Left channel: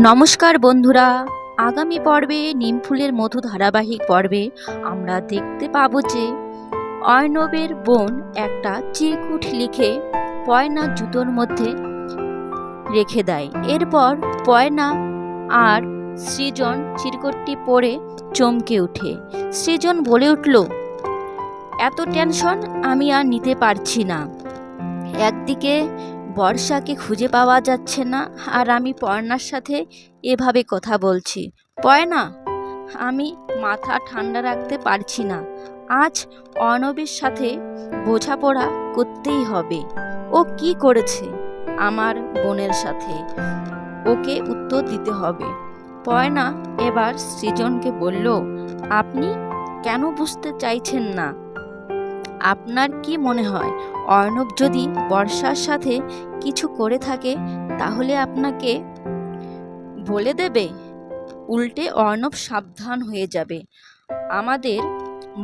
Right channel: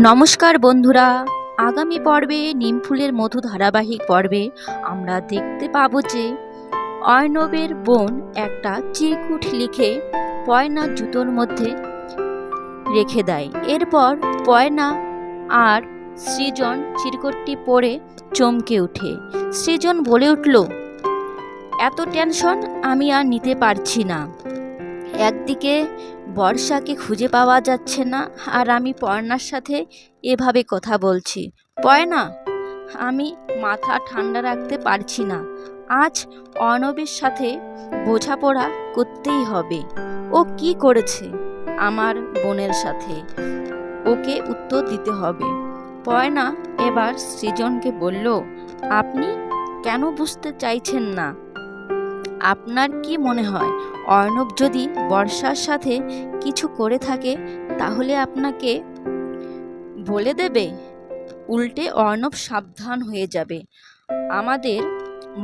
নমস্কার বন্ধুরা, আগামী পর্বে নিমফুলের মধু ধারাবাহিক পর্বে আমরা দেখতে পাবো যে অর্ণবের বোন একটা চিরকুট লিখে পয়নার জুতোর মধ্যে রেখে দেয়। এরপর পয়না আর সৃজন চিরকুটটি পড়ে চমকে ওঠে। সৃজন বলে উঠল, এত টেনশন আমি আর নিতে পারছি না। একদিকে বর্ষাকে খুঁজে পাওয়া যাচ্ছে না, আর আমি পয়নার সাথে এভাবে কথা বলছি। পয়না, আমি মাথা ঠান্ডা রাখতে পারছি না। আজ অর্ণবের সাথে বোঝাপড়া করতেই হবে। ও কি করেছে আমার বোনের সাথে, ওকে উত্তর দিতে হবে। পয়না এবার সৃজনকে বলল, আপনি কেন বুঝতে চাইছেন না? আপনার কি মনে হয় অর্ণব যদি বর্ষার সাথে কিছু করে থাকে তাহলে আপনাকে বলে দেবে? উল্টে অর্ণব সাবধান হয়ে যাবে। আমাদের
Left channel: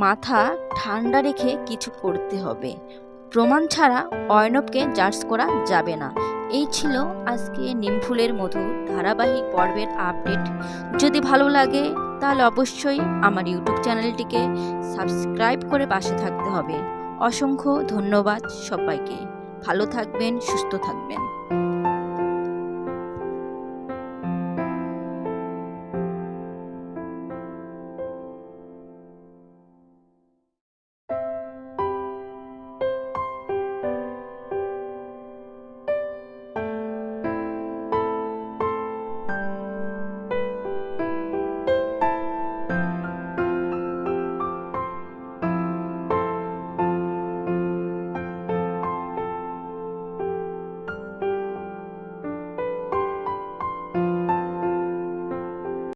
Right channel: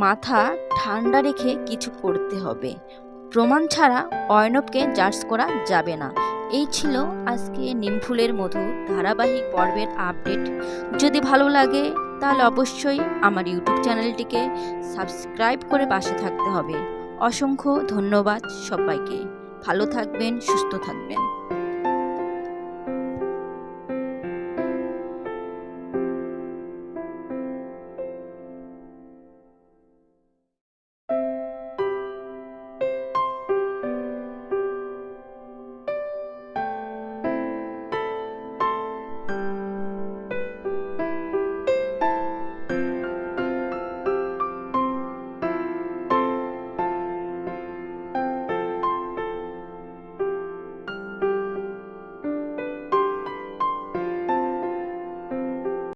মাথা ঠান্ডা রেখে কিছু করতে হবে। প্রমাণ ছাড়া অর্ণবকে জাজ করা যাবে না। এই ছিল আজকে নিমফুলের মধু ধারাবাহিক পর্বের আপডেট। যদি ভালো লাগে তাহলে অবশ্যই আমার ইউটিউব চ্যানেলটিকে সাবস্ক্রাইব করে পাশে থাকতে হবে। অসংখ্য ধন্যবাদ সবাইকে। ভালো থাকবেন, সুস্থ থাকবেন।